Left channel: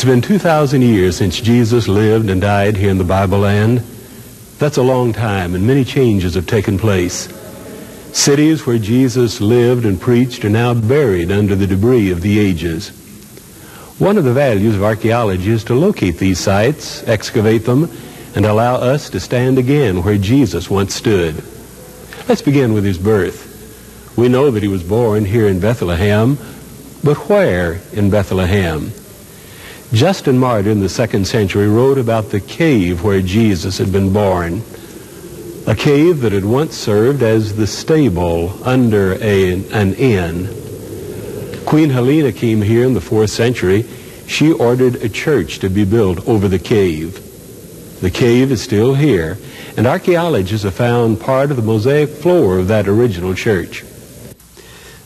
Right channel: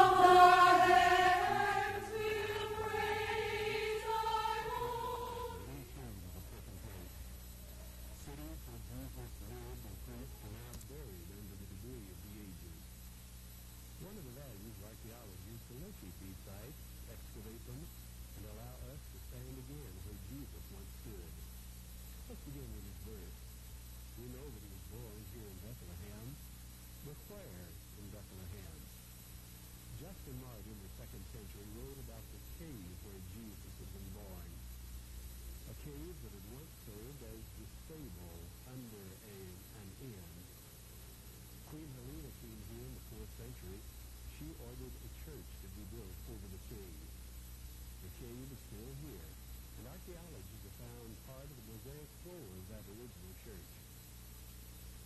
It's been 2,000 years since Jesus lived and died here in the Bible land. That's a long time, and many changes have taken place. Cities where Jesus lived and preached are now buried under the debris of the ages. One of the values of archaeology is to locate these sites, excavate them, and allow us to stand again where Jesus once stood. Let's begin with his birth. We know that he was born here in Bethlehem, but where in Bethlehem? Justin Martyr in the 2nd century wrote about the cave where Jesus had been born, a cave that had once served as the stable under an inn. Queen Helena came here in the 4th century. She ordered a church to be built over the cave. The cave is still here, and archaeologists have found part of the mosaic floor of that original church.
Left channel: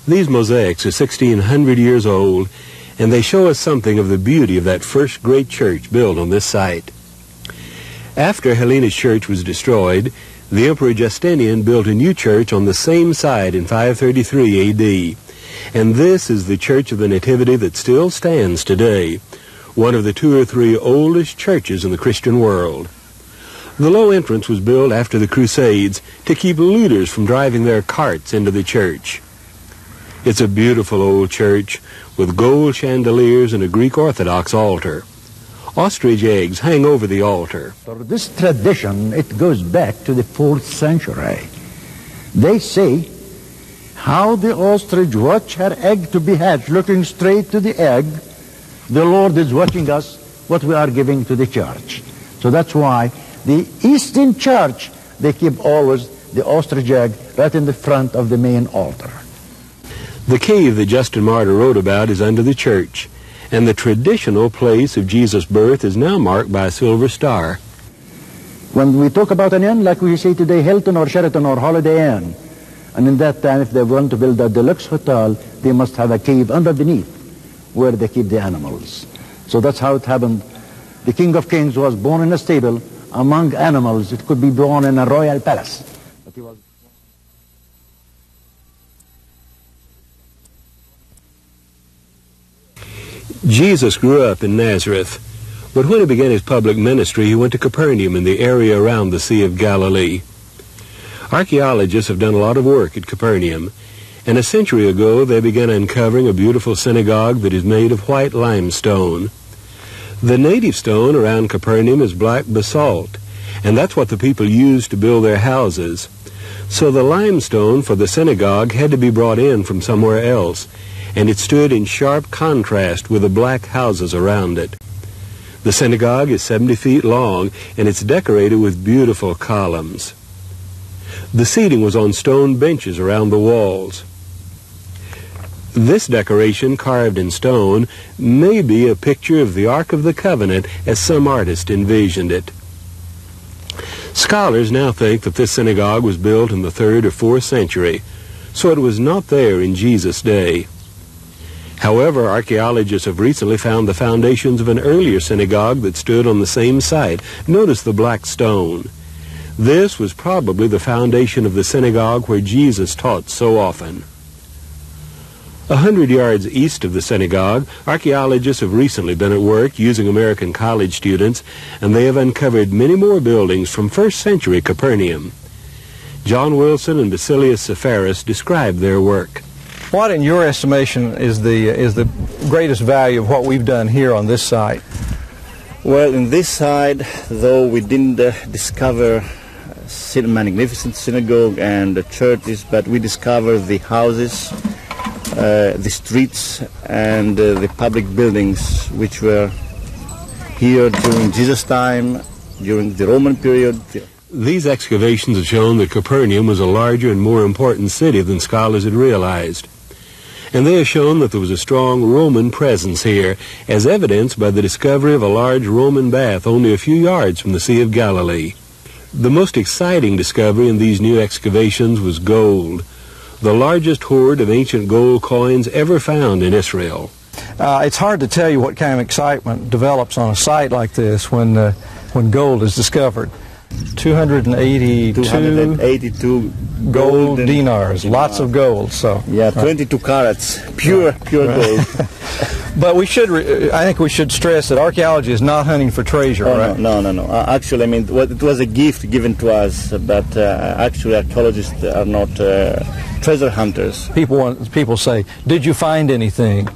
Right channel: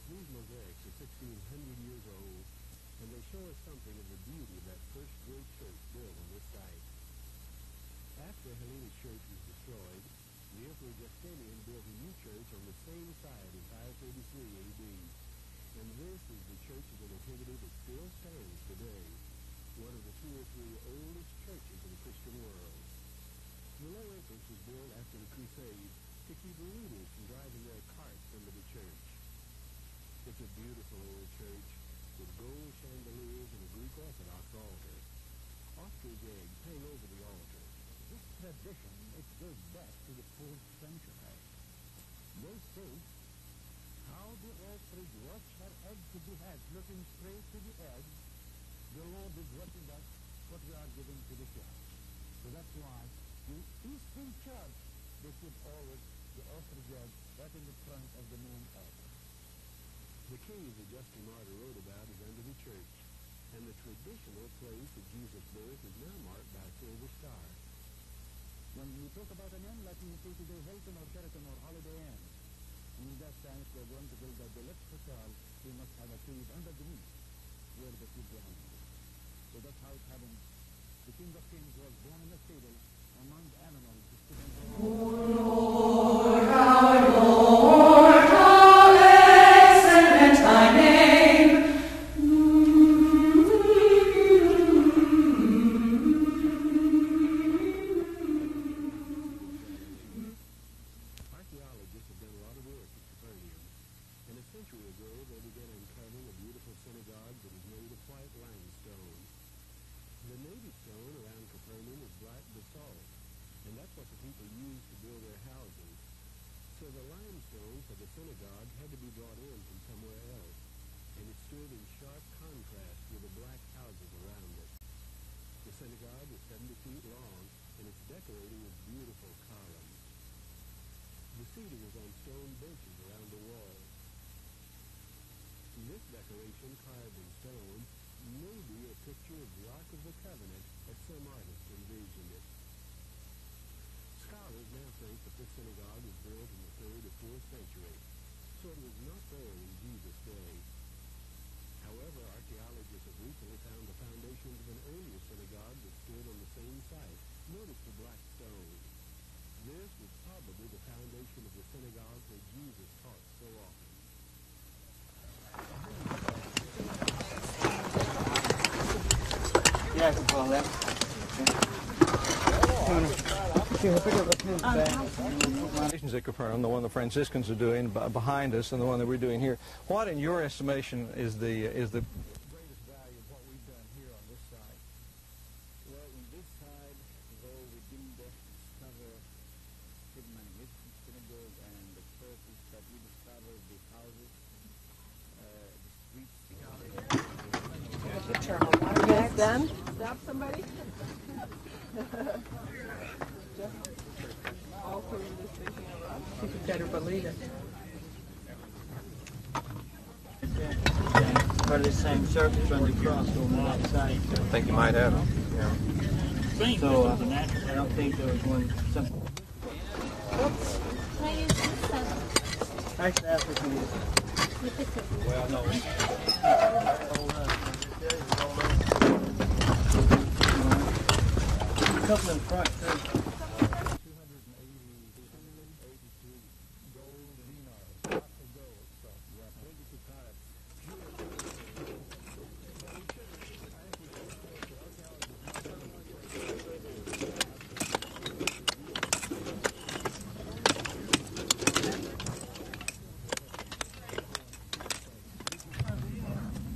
These mosaics are 1,600 years old, and they show us something of the beauty of that first great church built on this site. After Helena's church was destroyed, the Emperor Justinian built a new church on the same site in 533 A.D., and this is the Church of the Nativity that still stands today, one of the 2 or 3 oldest churches in the Christian world. The low entrance was built after the Crusades to keep looters from driving their carts into the church. It's a beautiful old church with gold chandeliers and a Greek Orthodox altar. Ostrich eggs hang over the altar. This tradition, it goes back to the 4th century. They say how the ostrich watch her egg to be hatched, looking straight to the egg. The Lord is watching us, what we are giving to the church. So that's why the Eastern Church, they keep always the ostrich egg right in the front of the main altar. The cave that Justin Martyr wrote about is under the church, and the traditional place of Jesus' birth is now marked by a silver star. When we talk about an inn, like we say today, Hilton or Sheraton or Holiday Inn, and in that time, if they want to build a deluxe hotel, they must have a cave underneath where they keep the animals. So that's how it happened. The King of Kings was born in a stable among animals. It could be born in a royal palace. Jesus grew up in Nazareth, but when he began his public ministry, he went to Capernaum in the area around the Sea of Galilee. Archaeologists have done a lot of work at Capernaum, and a century ago they began uncovering a beautiful synagogue that is made of white limestone. The native stone around Capernaum is black basalt, and that's what the people used to build their houses. So the limestone for the synagogue had to be brought in from somewhere else, and it stood in sharp contrast with the black houses around it. The synagogue is 70 feet long, and it's decorated with beautiful columns. The seating was on stone benches around the walls. This decoration, carved in stone, may be a picture of the Ark of the Covenant as some artist envisioned it. Scholars now think that this synagogue was built in the 3rd or 4th century, so it was not there in Jesus' day. However, archaeologists have recently found the foundations of an earlier synagogue that stood on the same site. Notice the black stone. This was probably the foundation of the synagogue where Jesus taught so often. 100 yards east of the synagogue, archaeologists have recently been at work using American college students, and they have uncovered many more buildings from 1st century Capernaum. John Wilson and Basilius Sepharis describe their work. What, in your estimation, is the greatest value of what we've done here on this site? Well, in this side, though we didn't discover a magnificent synagogue and the churches, but we discovered the houses, the streets, and the public buildings which were here during Jesus' time, during the Roman period. These excavations have shown that Capernaum was a larger and more important city than scholars had realized. And they have shown that there was a strong Roman presence here, as evidenced by the discovery of a large Roman bath only a few yards from the Sea of Galilee. The most exciting discovery in these new excavations was gold, the largest hoard of ancient gold coins ever found in Israel. It's hard to tell you what kind of excitement develops on a site like this when gold is discovered. 282 gold dinars, lots of gold. So yeah, 22 carats, pure gold. But we should, I think we should stress that archaeology is not hunting for treasure, right? No. Actually, I mean, it was a gift given to us, but actually archaeologists are not treasure hunters. People say, did you find anything?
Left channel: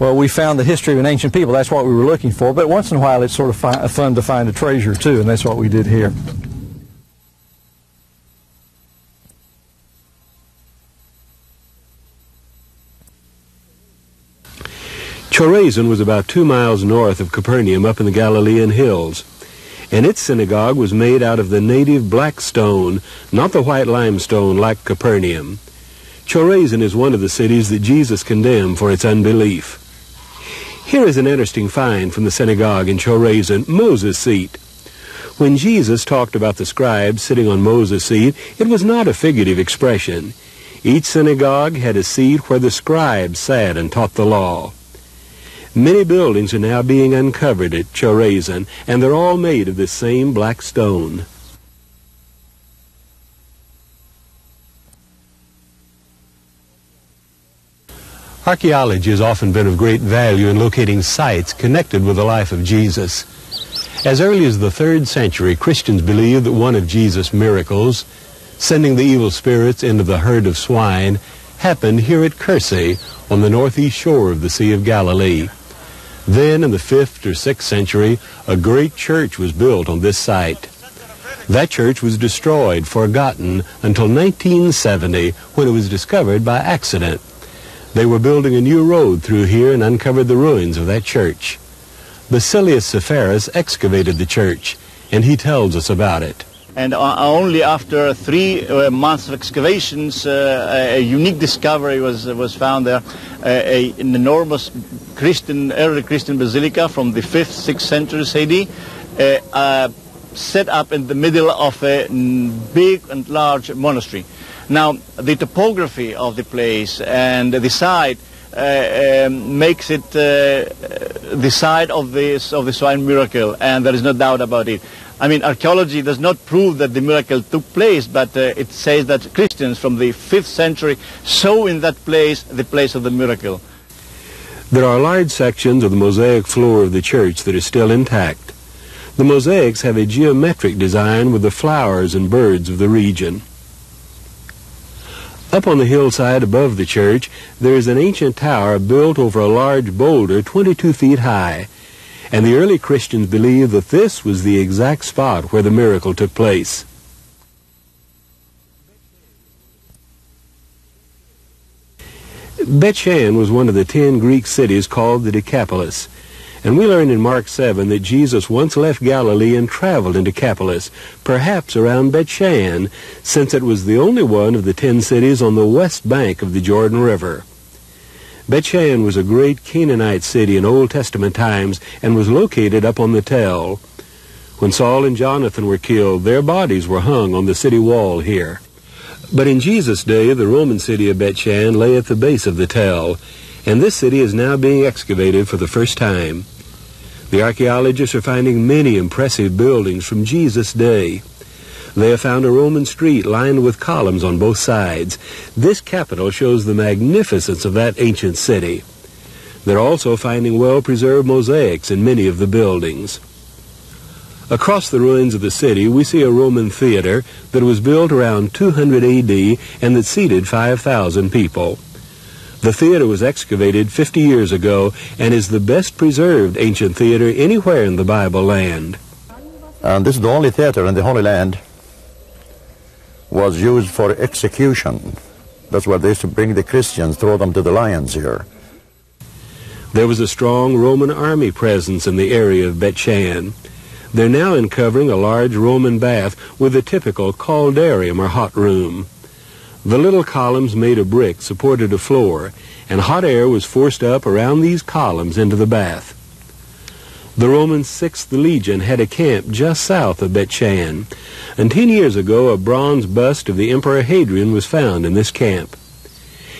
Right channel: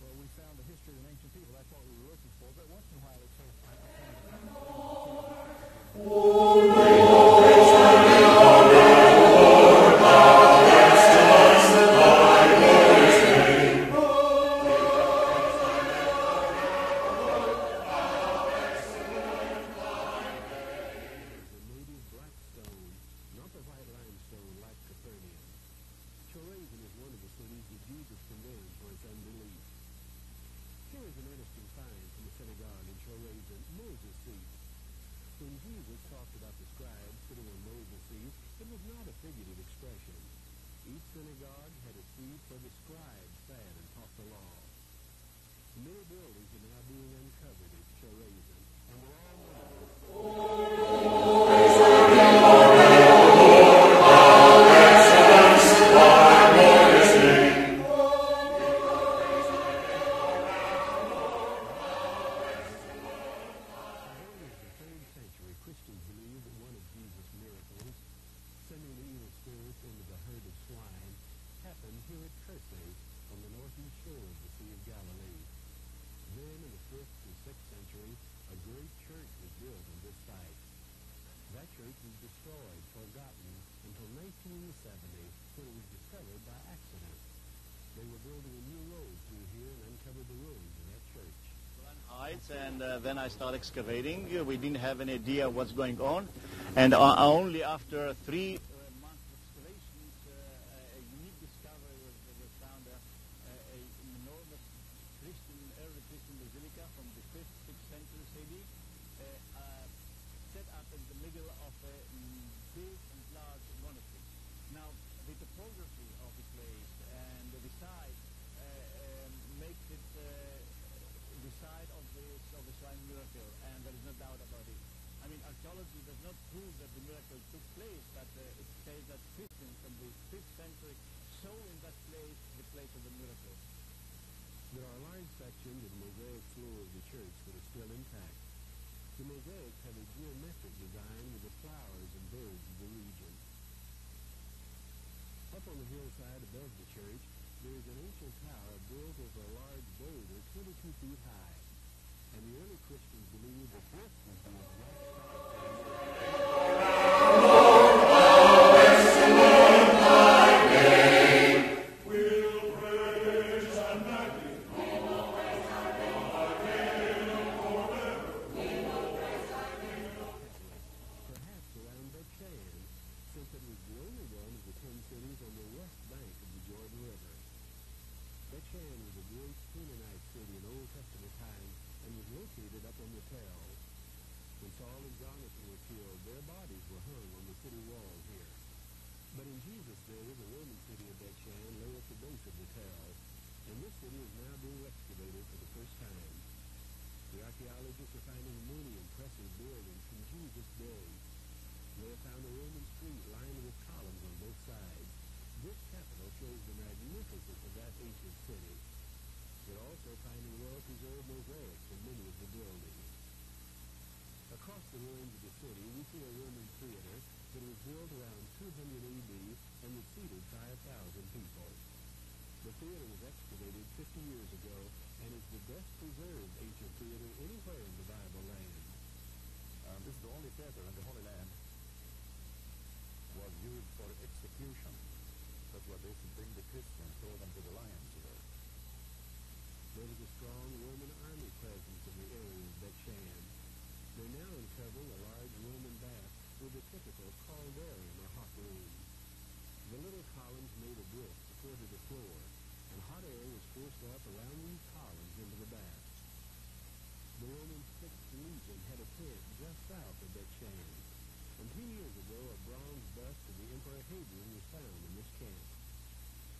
Well, we found the history of an ancient people. That's what we were looking for. But once in a while, it's sort of fun to find a treasure, too, and that's what we did here. Chorazin was about 2 miles north of Capernaum up in the Galilean hills, and its synagogue was made out of the native black stone, not the white limestone like Capernaum. Chorazin is one of the cities that Jesus condemned for its unbelief. Here is an interesting find from the synagogue in Chorazin, Moses' seat. When Jesus talked about the scribes sitting on Moses' seat, it was not a figurative expression. Each synagogue had a seat where the scribes sat and taught the law. Many buildings are now being uncovered at Chorazin, and they're all made of this same black stone. Archaeology has often been of great value in locating sites connected with the life of Jesus. As early as the 3rd century, Christians believed that one of Jesus' miracles, sending the evil spirits into the herd of swine, happened here at Cursey on the northeast shore of the Sea of Galilee. Then in the 5th or 6th century, a great church was built on this site. That church was destroyed, forgotten, until 1970, when it was discovered by accident. They were building a new road through here and uncovered the ruins of that church. Basilius Sepphoris excavated the church, and he tells us about it. And only after 3 months of excavations, a unique discovery was found there, an enormous early Christian basilica from the 5th, 6th centuries AD, set up in the middle of a big and large monastery. Now, the topography of the place and the site makes it the site of the swine miracle, and there is no doubt about it. I mean, archaeology does not prove that the miracle took place, but it says that Christians from the 5th century saw in that place the place of the miracle. There are large sections of the mosaic floor of the church that are still intact. The mosaics have a geometric design with the flowers and birds of the region. Up on the hillside above the church, there is an ancient tower built over a large boulder 22 feet high, and the early Christians believed that this was the exact spot where the miracle took place. Bethshan was one of the 10 Greek cities called the Decapolis, and we learn in Mark 7 that Jesus once left Galilee and traveled into Decapolis, perhaps around Bethshan, since it was the only one of the 10 cities on the west bank of the Jordan River. Bethshan was a great Canaanite city in Old Testament times and was located up on the Tell. When Saul and Jonathan were killed, their bodies were hung on the city wall here. But in Jesus' day, the Roman city of Bethshan lay at the base of the Tell, and this city is now being excavated for the first time. The archaeologists are finding many impressive buildings from Jesus' day. They have found a Roman street lined with columns on both sides. This capitol shows the magnificence of that ancient city. They're also finding well-preserved mosaics in many of the buildings. Across the ruins of the city, we see a Roman theater that was built around 200 AD and that seated 5,000 people. The theater was excavated 50 years ago and is the best preserved ancient theater anywhere in the Bible land. And this is the only theater in the Holy Land was used for execution. That's why they used to bring the Christians, throw them to the lions here. There was a strong Roman army presence in the area of Bethshan. They're now uncovering a large Roman bath with a typical caldarium or hot room. The little columns made of brick supported a floor, and hot air was forced up around these columns into the bath. The Roman 6th Legion had a camp just south of Bethshan, and 10 years ago a bronze bust of the Emperor Hadrian was found in this camp.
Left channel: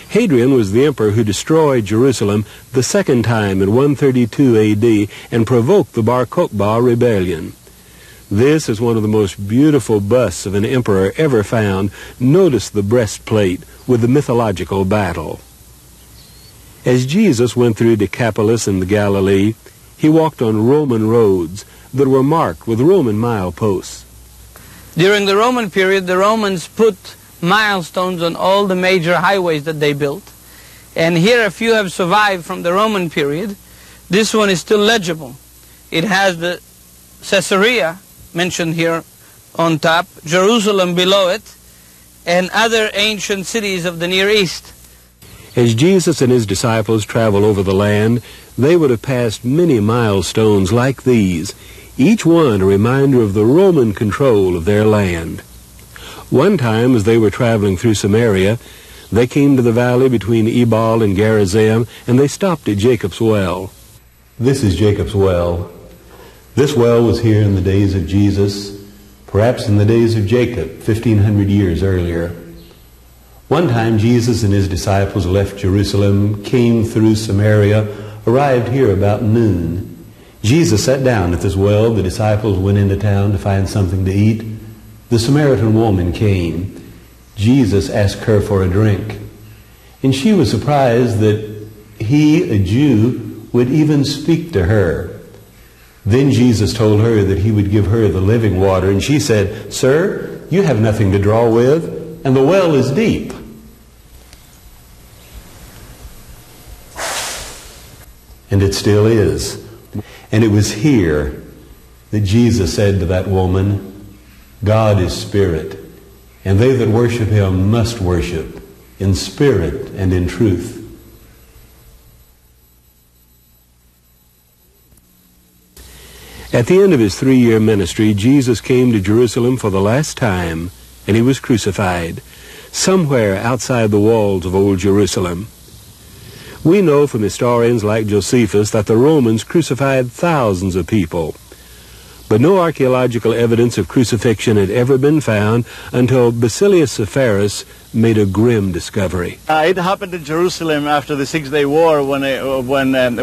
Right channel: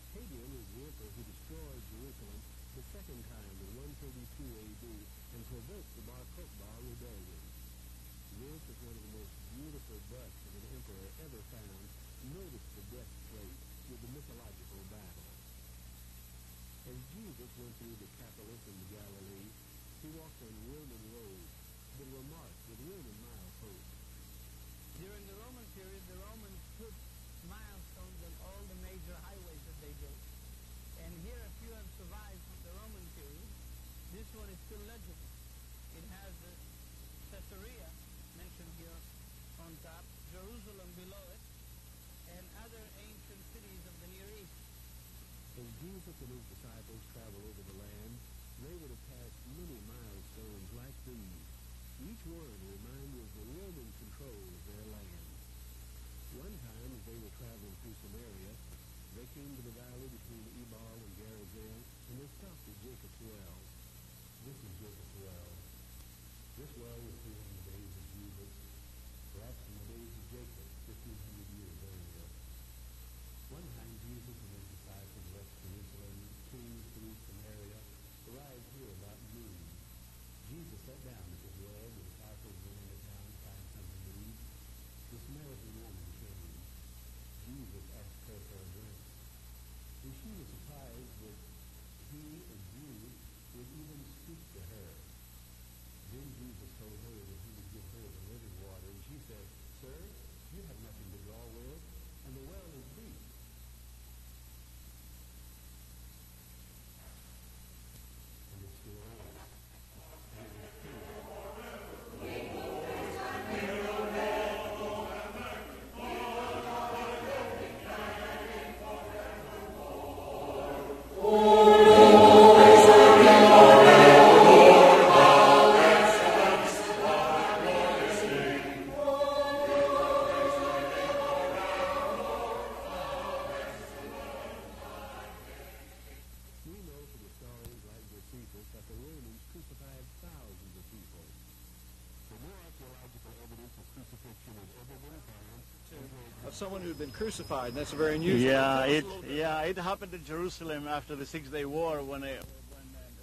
Hadrian was the emperor who destroyed Jerusalem the second time in 132 AD and provoked the Bar Kokhba rebellion. This is one of the most beautiful busts of an emperor ever found. Notice the breastplate with the mythological battle. As Jesus went through Decapolis in the Galilee, he walked on Roman roads that were marked with Roman mileposts. During the Roman period, the Romans put milestones on all the major highways that they built. And here a few have survived from the Roman period. This one is still legible. It has the Caesarea mentioned here on top, Jerusalem below it, and other ancient cities of the Near East. As Jesus and his disciples traveled over the land, they would have passed many milestones like these, each one a reminder of the Roman control of their land. One time, as they were traveling through Samaria, they came to the valley between Ebal and Gerizim, and they stopped at Jacob's well. This is Jacob's well. This well was here in the days of Jesus, perhaps in the days of Jacob, 1,500 years earlier. One time, Jesus and his disciples left Jerusalem, came through Samaria, arrived here about noon. Jesus sat down at this well. The disciples went into town to find something to eat. The Samaritan woman came. Jesus asked her for a drink. And she was surprised that he, a Jew, would even speak to her. Then Jesus told her that he would give her the living water. And she said, "Sir, you have nothing to draw with, and the well is deep." And it still is. And it was here that Jesus said to that woman, "God is spirit, and they that worship him must worship in spirit and in truth." At the end of his 3-year ministry, Jesus came to Jerusalem for the last time, and he was crucified, somewhere outside the walls of Old Jerusalem. We know from historians like Josephus that the Romans crucified thousands of people, but no archaeological evidence of crucifixion had ever been found until Basilius Severus made a grim discovery. It happened in Jerusalem after the Six-Day War when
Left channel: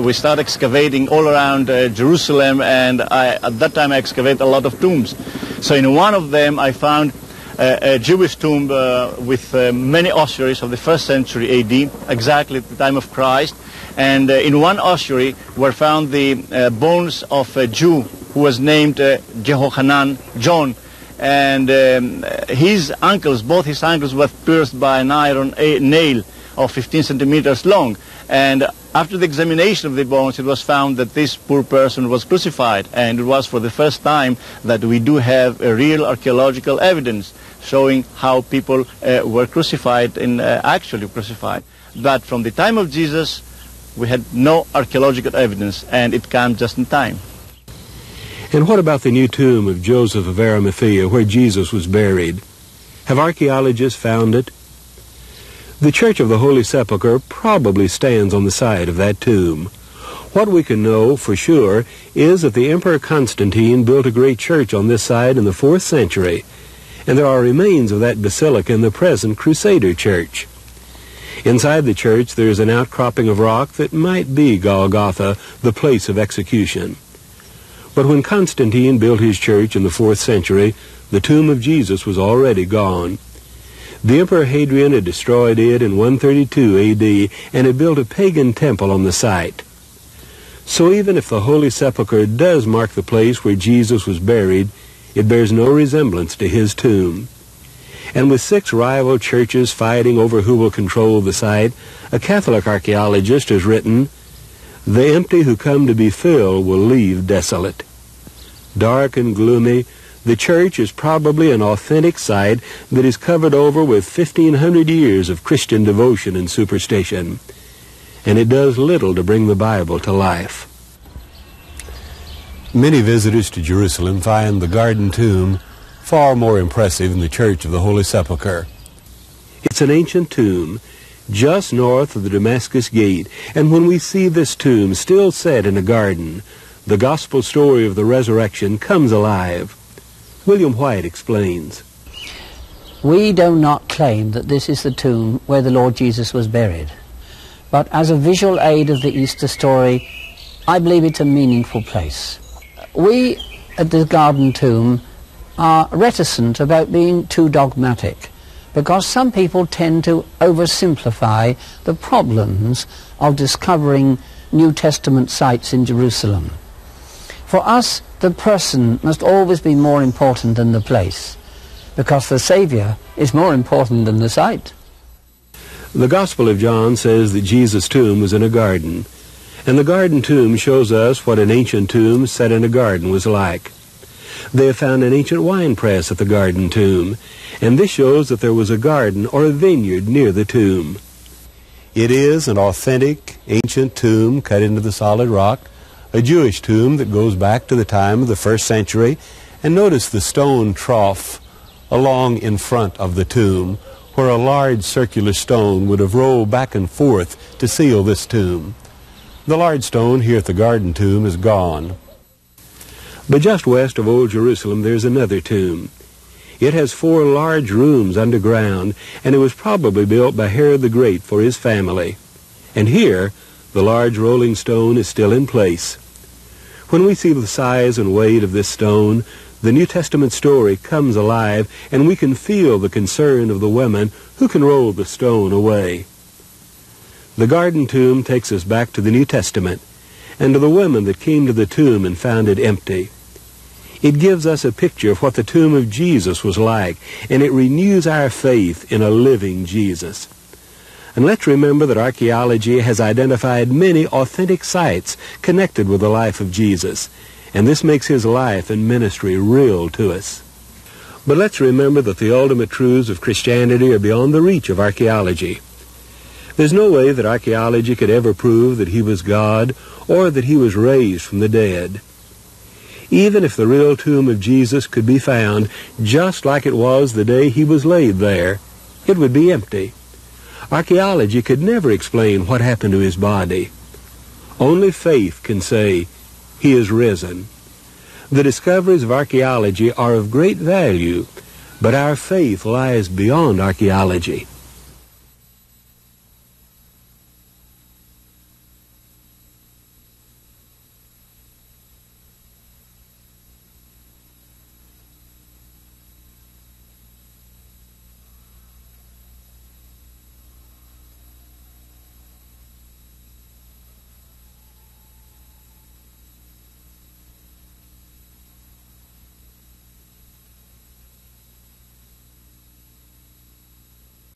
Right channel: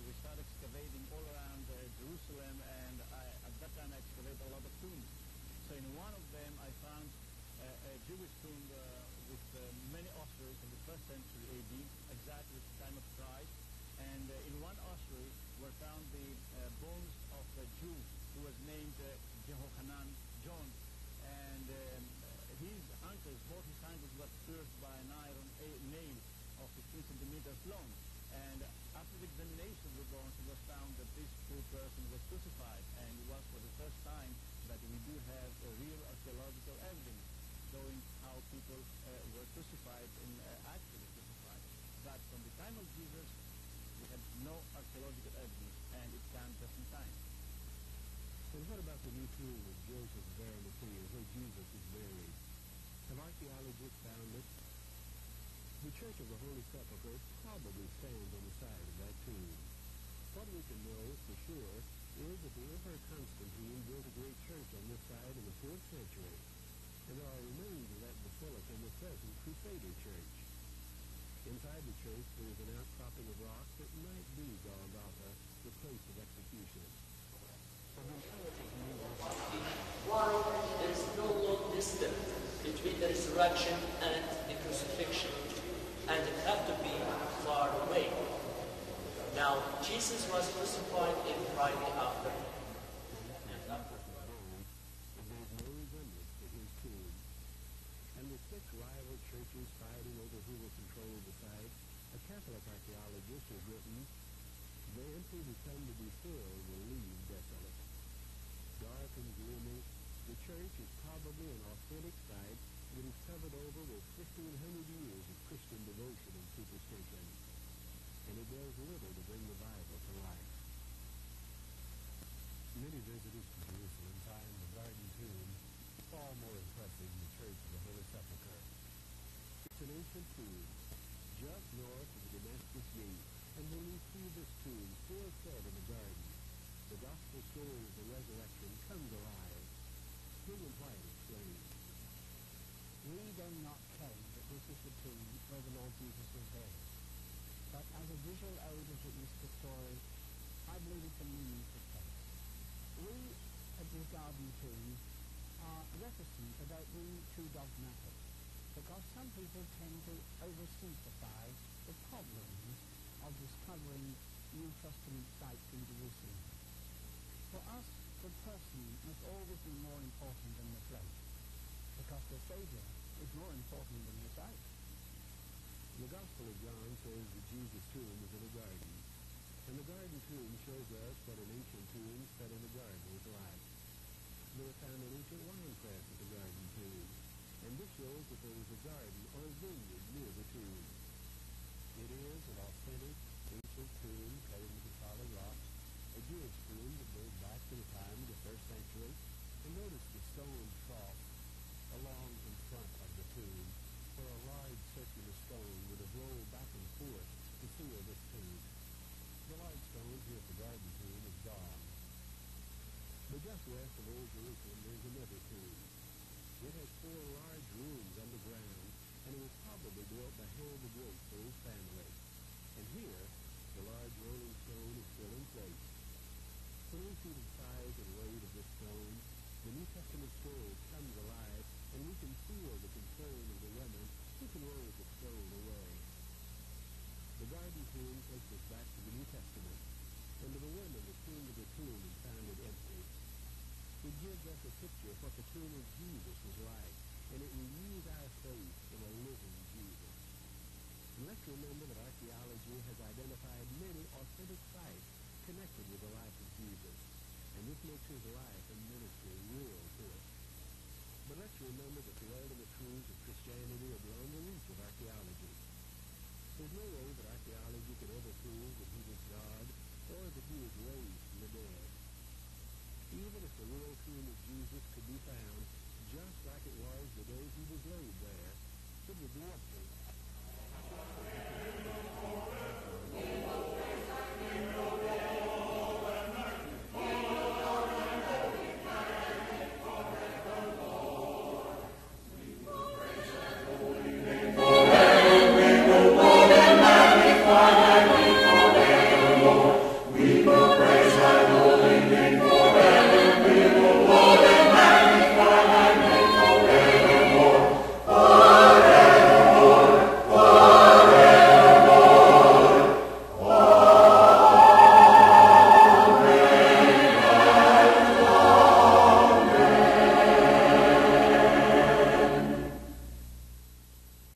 we started excavating all around Jerusalem, and at that time I excavated a lot of tombs. So in one of them I found a Jewish tomb with many ossuaries of the 1st century AD, exactly at the time of Christ. And in one ossuary were found the bones of a Jew who was named Jehohanan, John. And his ankles, both his ankles, were pierced by an iron nail of 15 centimeters long. And after the examination of the bones, it was found that this poor person was crucified. And it was for the first time that we do have a real archaeological evidence showing how people were crucified and actually crucified. But from the time of Jesus, we had no archaeological evidence, and it came just in time. And what about the new tomb of Joseph of Arimathea, where Jesus was buried? Have archaeologists found it? The Church of the Holy Sepulchre probably stands on the site of that tomb. What we can know for sure is that the Emperor Constantine built a great church on this site in the 4th century, and there are remains of that basilica in the present Crusader church. Inside the church there is an outcropping of rock that might be Golgotha, the place of execution. But when Constantine built his church in the 4th century, the tomb of Jesus was already gone. The Emperor Hadrian had destroyed it in 132 AD and had built a pagan temple on the site. So even if the Holy Sepulchre does mark the place where Jesus was buried, it bears no resemblance to his tomb. And with 6 rival churches fighting over who will control the site, a Catholic archaeologist has written, "The empty who come to be filled will leave desolate." Dark and gloomy, the church is probably an authentic site that is covered over with 1,500 years of Christian devotion and superstition. And it does little to bring the Bible to life. Many visitors to Jerusalem find the Garden Tomb far more impressive than the Church of the Holy Sepulchre. It's an ancient tomb just north of the Damascus Gate, and when we see this tomb still set in a garden, the gospel story of the resurrection comes alive. William White explains. We do not claim that this is the tomb where the Lord Jesus was buried, but as a visual aid of the Easter story, I believe it's a meaningful place. We at the Garden Tomb are reticent about being too dogmatic, because some people tend to oversimplify the problems of discovering New Testament sites in Jerusalem. For us, the person must always be more important than the place, because the Saviour is more important than the site. The Gospel of John says that Jesus' tomb was in a garden, and the garden tomb shows us what an ancient tomb set in a garden was like. They have found an ancient wine press at the garden tomb, and this shows that there was a garden or a vineyard near the tomb. It is an authentic ancient tomb cut into the solid rock, a Jewish tomb that goes back to the time of the 1st century, and notice the stone trough along in front of the tomb, where a large circular stone would have rolled back and forth to seal this tomb. The large stone here at the garden tomb is gone. But just west of Old Jerusalem there's another tomb. It has 4 large rooms underground, and it was probably built by Herod the Great for his family. And here, the large rolling stone is still in place. When we see the size and weight of this stone, the New Testament story comes alive, and we can feel the concern of the women who can roll the stone away. The garden tomb takes us back to the New Testament and to the women that came to the tomb and found it empty. It gives us a picture of what the tomb of Jesus was like, and it renews our faith in a living Jesus. And let's remember that archaeology has identified many authentic sites connected with the life of Jesus, and this makes his life and ministry real to us. But let's remember that the ultimate truths of Christianity are beyond the reach of archaeology. There's no way that archaeology could ever prove that he was God or that he was raised from the dead. Even if the real tomb of Jesus could be found just like it was the day he was laid there, it would be empty. Archaeology could never explain what happened to his body. Only faith can say, he is risen. The discoveries of archaeology are of great value, but our faith lies beyond archaeology.